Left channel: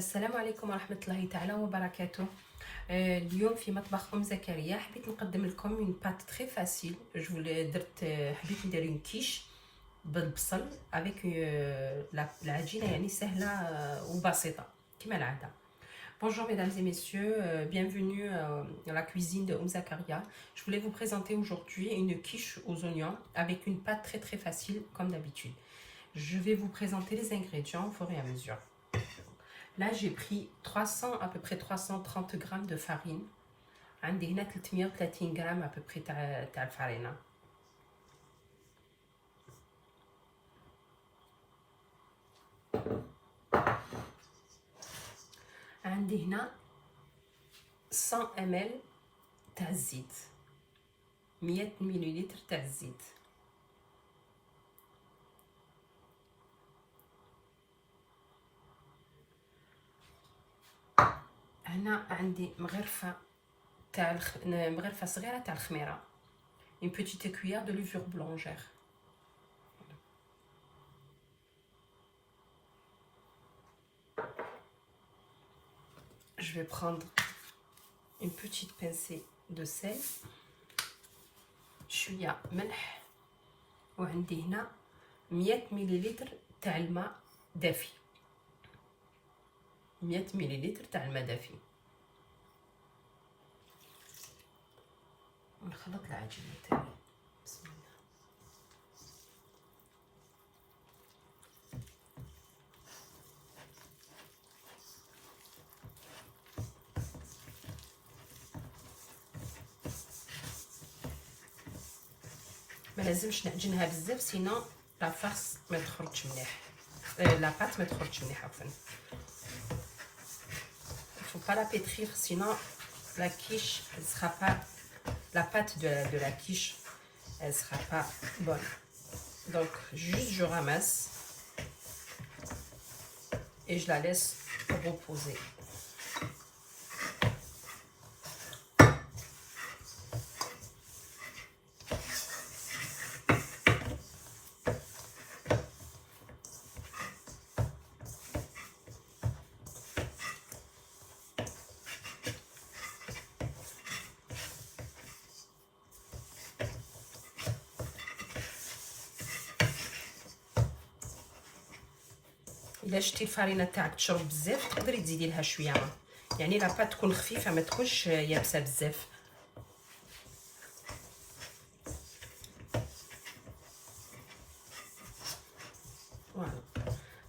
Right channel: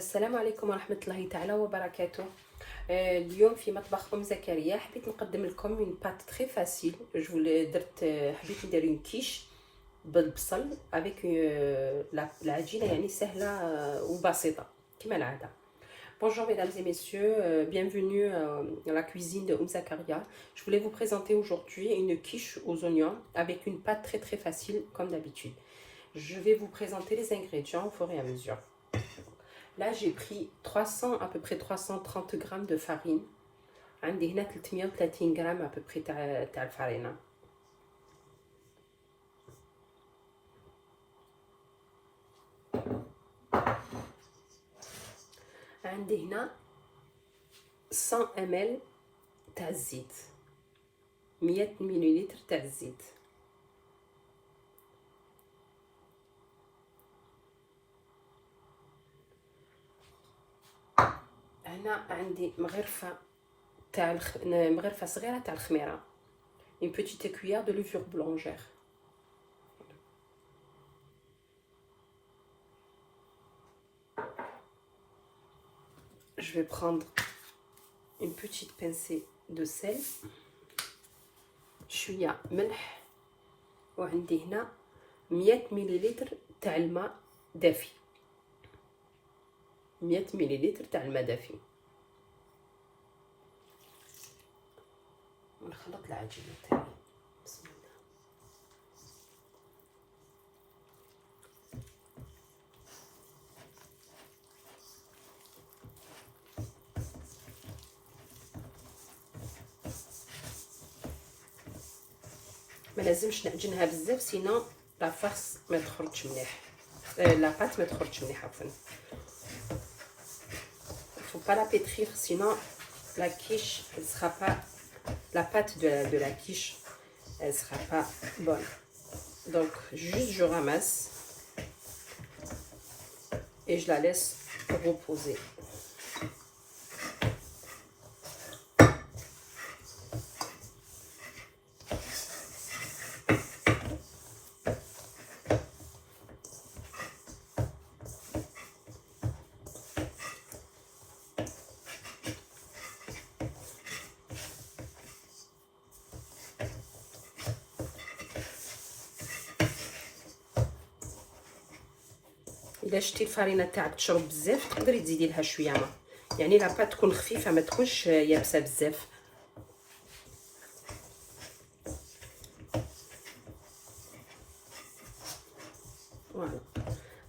السلام عليكم ورحمة الله تعالى وبركاته. اليوم في مطبخ زكريا حبيت نقدم لكم اون بات تري فاسيل. حبيت ندير اون كيش بالبصل افيك العجينه يعني سهله وبسيطه كما العاده. Bonjour mesdames et messieurs, bienvenue dans la cuisine de Zakaria. Je voulais vous présenter aujourd'hui une quiche aux oignons avec une pâte très facile comme d'habitude. Je vais vous présenter les ingrédients au fur et à mesure. Là j'ai pris à peu près 330 grammes de farine. عندي هنا 330 grammes à peu près تاع الفرينة. عندي هنا 100 ml تاع الزيت، 100 مليلتر تاع الزيت. هنا عندي مغرفة مغرفة صغيرة تاع الخميرة، une petite cuillère de levure boulangère. Je vais prendre une petite pincée de sel، شوية ملح، وعندي هنا 100 مليلتر تاع الماء دافي، 100 مليلتر تاع الماء دافي. ونخلط العجينة تاعي. بسم الله. ملازمش نعجنها بزاف سينو لا فارس ما تخرجش مليح، لا بات ما تخرجش مليح عفوا. Faut pas la pétrir sinon la quiche elle sera pas, la pâte de la quiche elle sera pas bonne. Donc juste je ramasse et je la laisse reposer. الا شتي الفرينه تاعك تشرب بزاف تقدري تزيدي لها شويه ماء، يعني لا بات تكون خفيفه ما تكونش يابسه بزاف. فوالا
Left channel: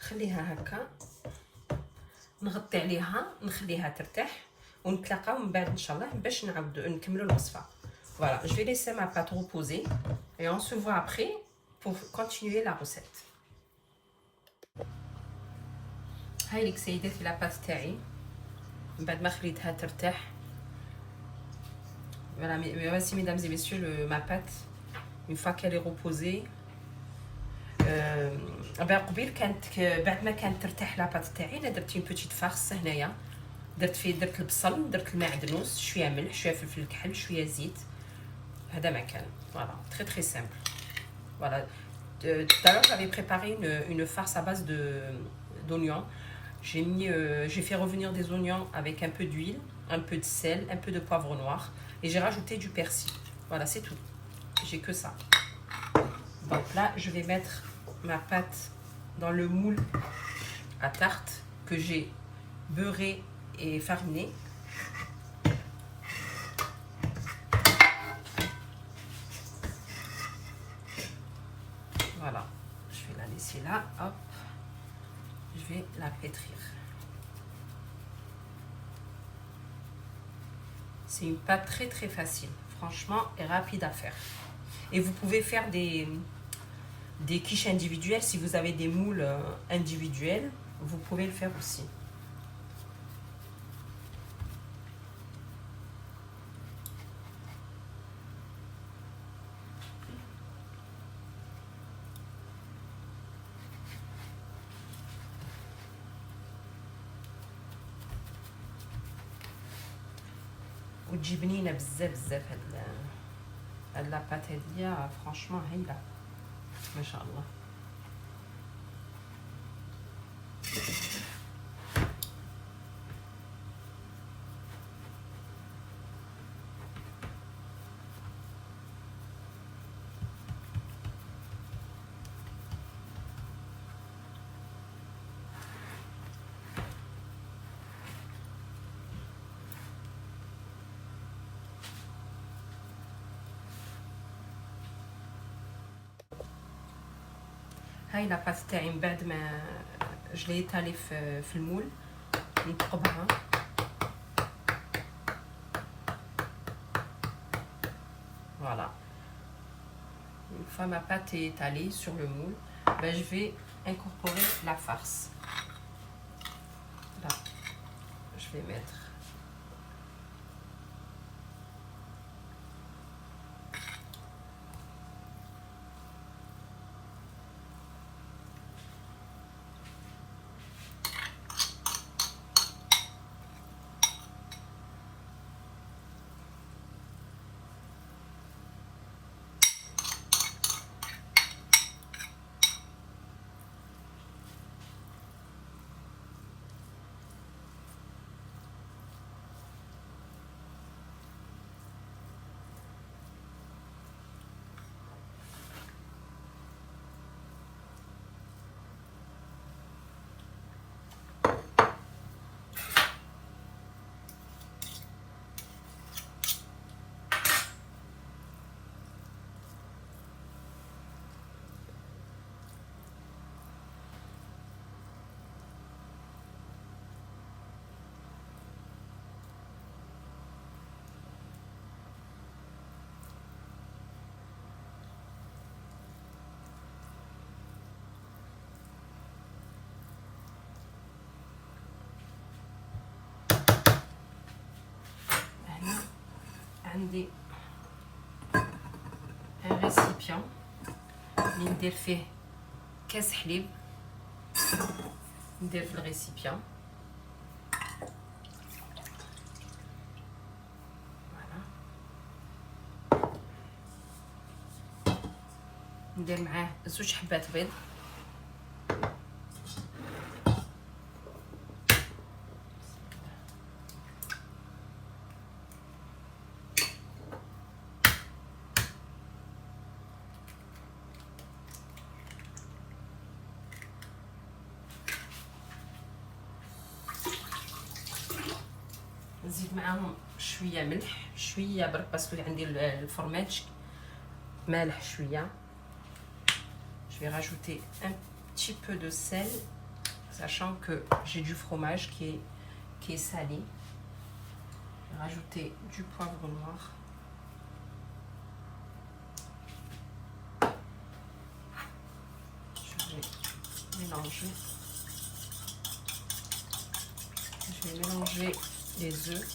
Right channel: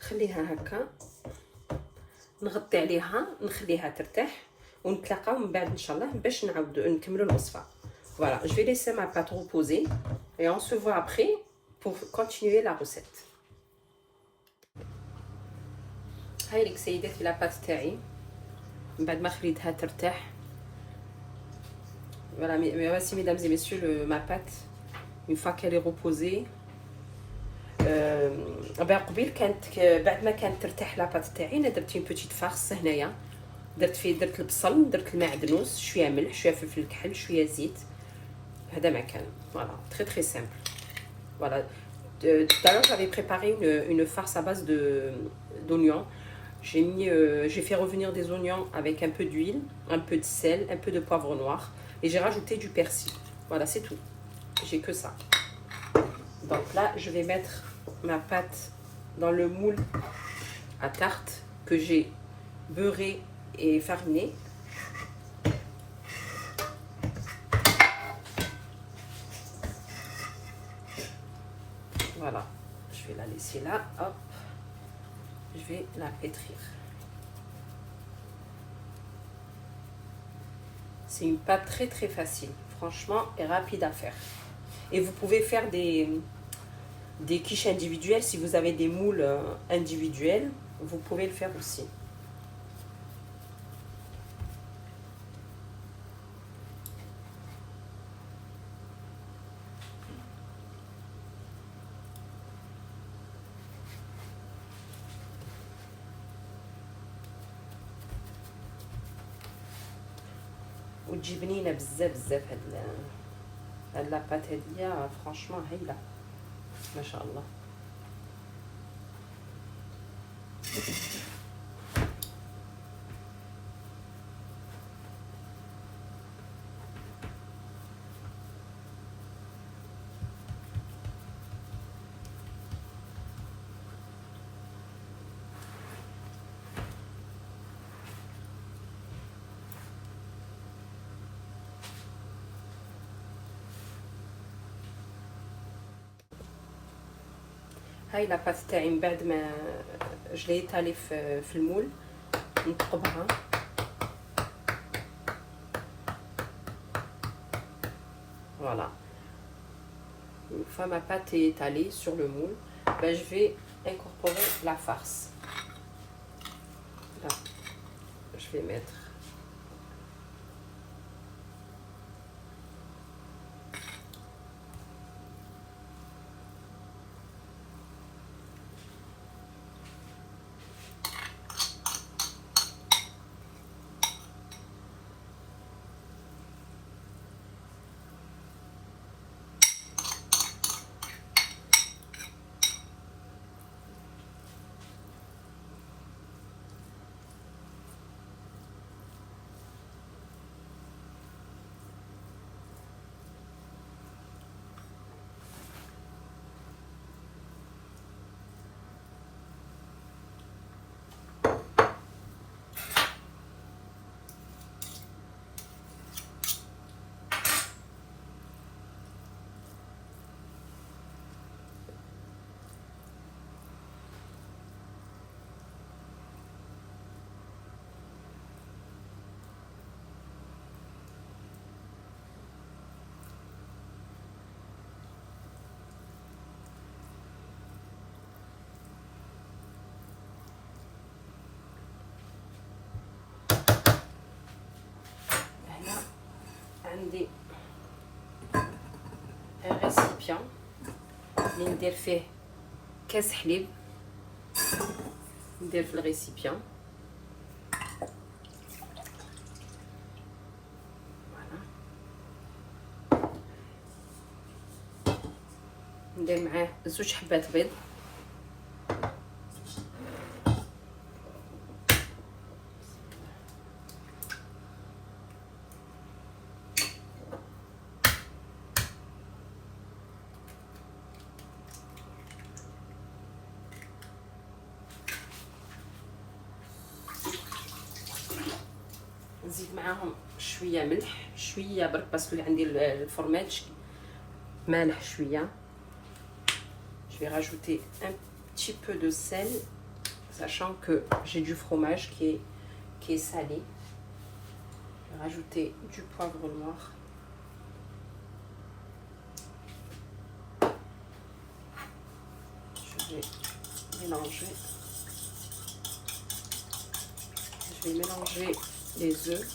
خليها هكا، نغطي عليها نخليها ترتاح ونتلاقاو من بعد ان شاء الله باش نعاودو نكملوا الوصفه. Voilà, je vais laisser ma pâte reposer et on se voit après pour continuer la recette. هاي لك سيداتي لاباط تاعي من بعد ما خليتها ترتاح. Voilà, merci mesdames et messieurs, ma pâte une fois qu'elle est reposée. قبيل كانت بعد ما كانت ترتاح لاباط تاعي انا درت بوتيت فارس هنايا، درت البصل، درت المعدنوس، شويه ملح، شويه فلفل كحل، شويه زيت. هذا ما كان. Voilà, très simple. Voilà, tout à l'heure j'avais préparé une farce à base d'oignons. J'ai fait revenir des oignons avec un peu d'huile, un peu de sel, un peu de poivre noir et j'ai rajouté du persil. Voilà, c'est tout. J'ai que ça. Donc là, je vais mettre ma pâte dans le moule à tarte que j'ai beurré et fariné. Voilà, je vais la laisser là. Hop. Je vais la pétrir. C'est une pâte très facile, franchement, et rapide à faire. Et vous pouvez faire des quiches individuelles. Si vous avez des moules individuels, vous pouvez le faire aussi. وتجي بنينه بزاف هاد لاباط هادية فرانشمون هايله ما شاء الله. هاي لاباط تاعي من بعد ما جليتها لي في المول نقبها. Voilà. Une fois ma pâte est étalée sur le moule, ben, je vais incorporer la farce. Là, je vais mettre عندي ان ريسيبيان اللي ندير فيه كاس حليب، ندير في الريسيبيان ندير معاه 2 حبات بيض، نزيد معاهم شويه ملح، شويه برك باسكو عندي الفرماج مالح شويه. Je vais rajouter un petit peu de sel, sachant que j'ai du fromage qui est salé. Je vais rajouter du poivre noir. Je vais mélanger. Je vais mélanger les œufs.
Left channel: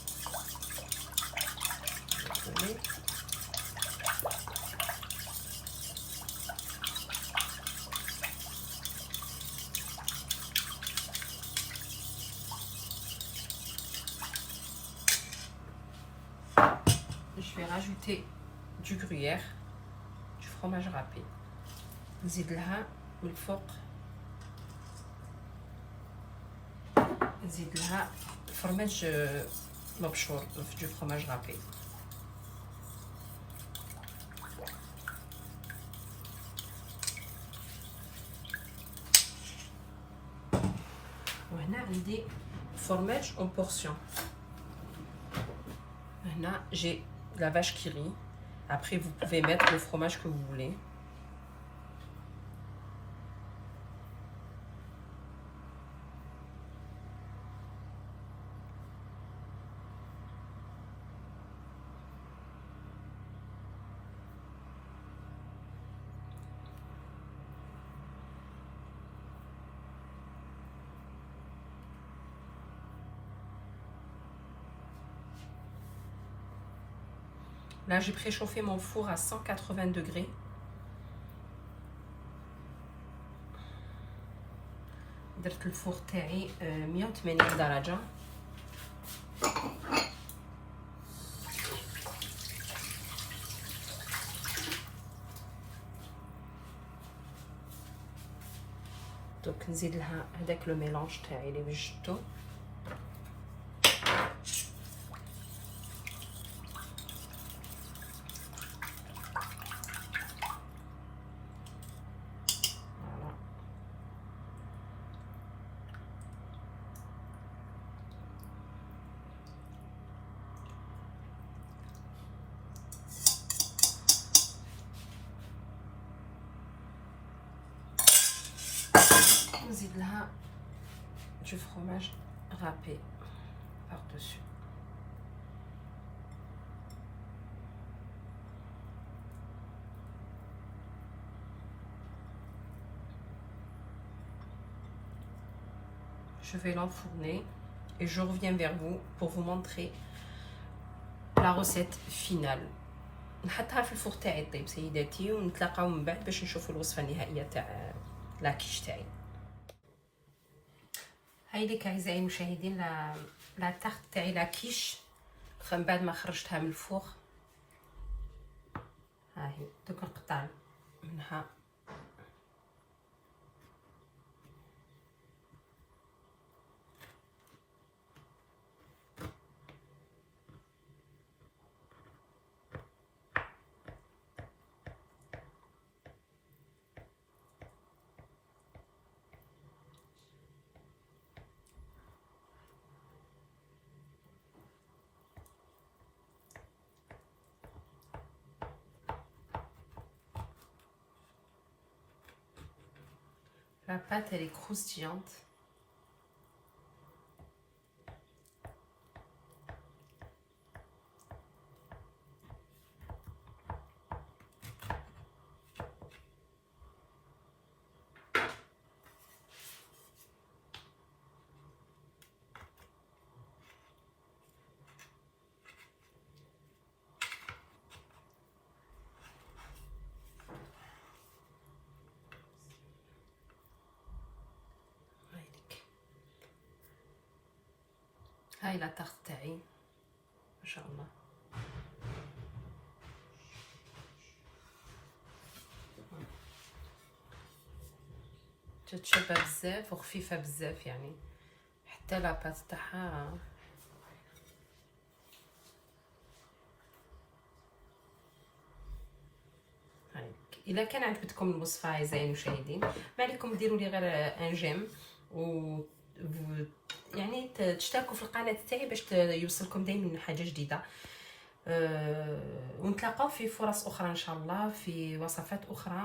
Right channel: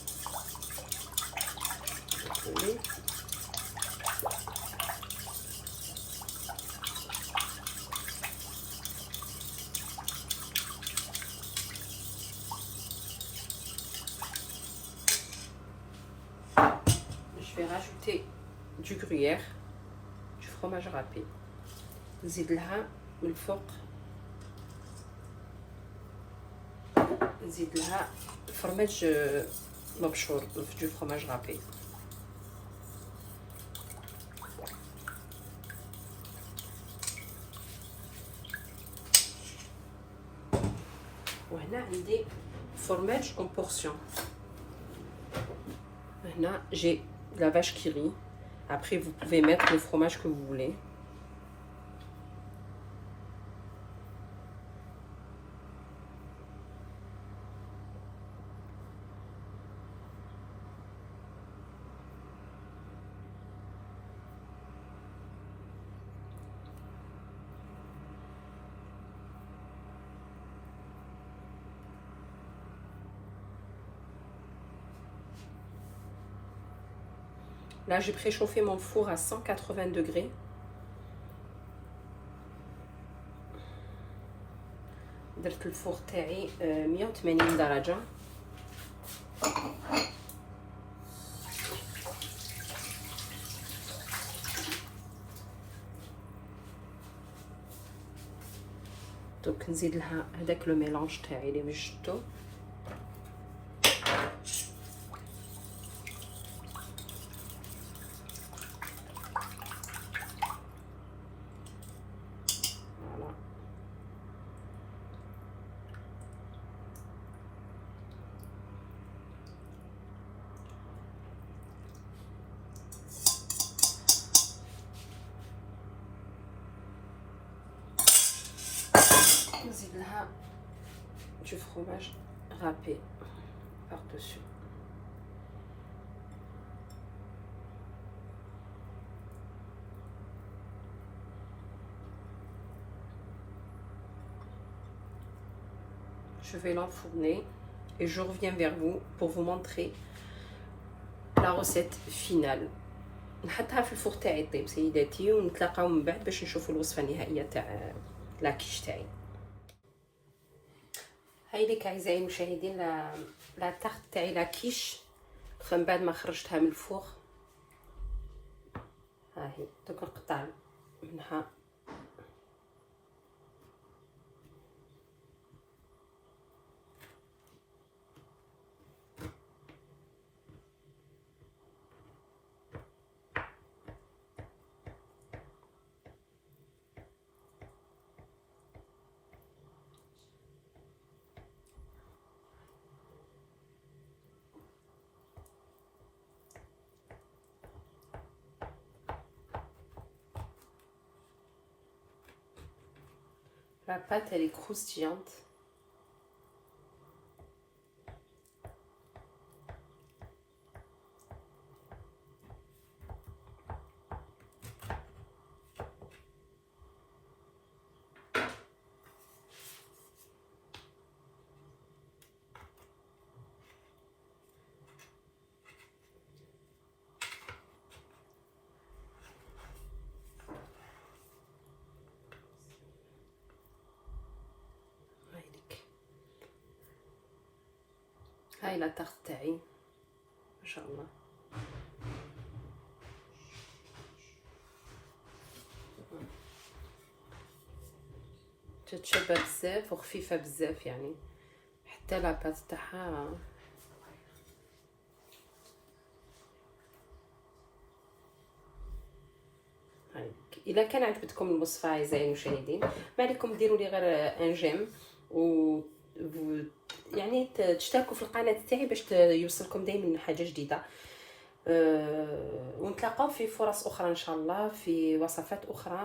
Oui. Je vais rajouter du gruyère, du fromage râpé. نزيد لها من الفوق، نزيد لها فرماج مبشور du fromage râpé. وهنا عندي فرماج en portion. هنا j'ai la vache qui rit. Après vous pouvez mettre le fromage que vous voulez. Là, j'ai préchauffé mon four à 180 degrés. درت الفور تاعي 180 درجة. دوك نزيد لها هذاك لو ميلونج تاعي اللي وجدتو. نزيد لها du fromage râpé par dessus. Je vais l'enfourner et je reviens vers vous pour vous montrer la recette finale. نحطها في الفوق تاعي طيب سيداتي، ونتلاقاو من بعد باش نشوفوا الوصفه النهائيه تاع لاكيش تاعي. هاي ليك اعزائي المشاهدين لا تارت تاعي لاكيش من بعد ما خرجتها من الفوق. ها هي دوك نقطع منها la pâte, elle est croustillante. هاي لا تارت تاعي ما شاء الله. تتشبع بزاف وخفيفه بزاف، يعني حتى لا بات تاعها الا كان عجبتكم الوصفه اعزائي المشاهدين ما عليكم ديروا لي غير ان جيم و يعني تشتركوا في القناه تاعي باش يوصلكم دائما حاجه جديده. ونتلاقاو في فرص اخرى ان شاء الله في وصفات اخرى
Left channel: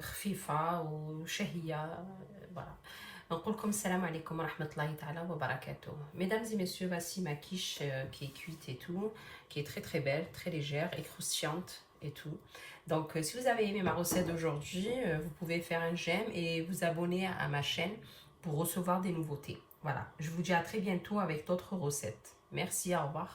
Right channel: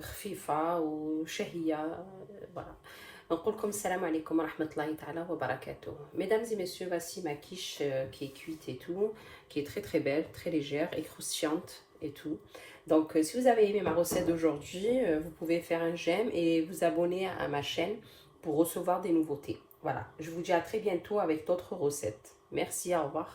خفيفه وشهيه. نقول لكم السلام عليكم ورحمه الله تعالى وبركاته. Mesdames et messieurs, voici ma quiche qui est cuite et tout, qui est très très belle, très légère et croustillante et tout. Donc si vous avez aimé ma recette d'aujourd'hui, vous pouvez faire un j'aime et vous abonner à ma chaîne pour recevoir des nouveautés. Voilà, je vous dis à très bientôt avec d'autres recettes. Merci, au revoir.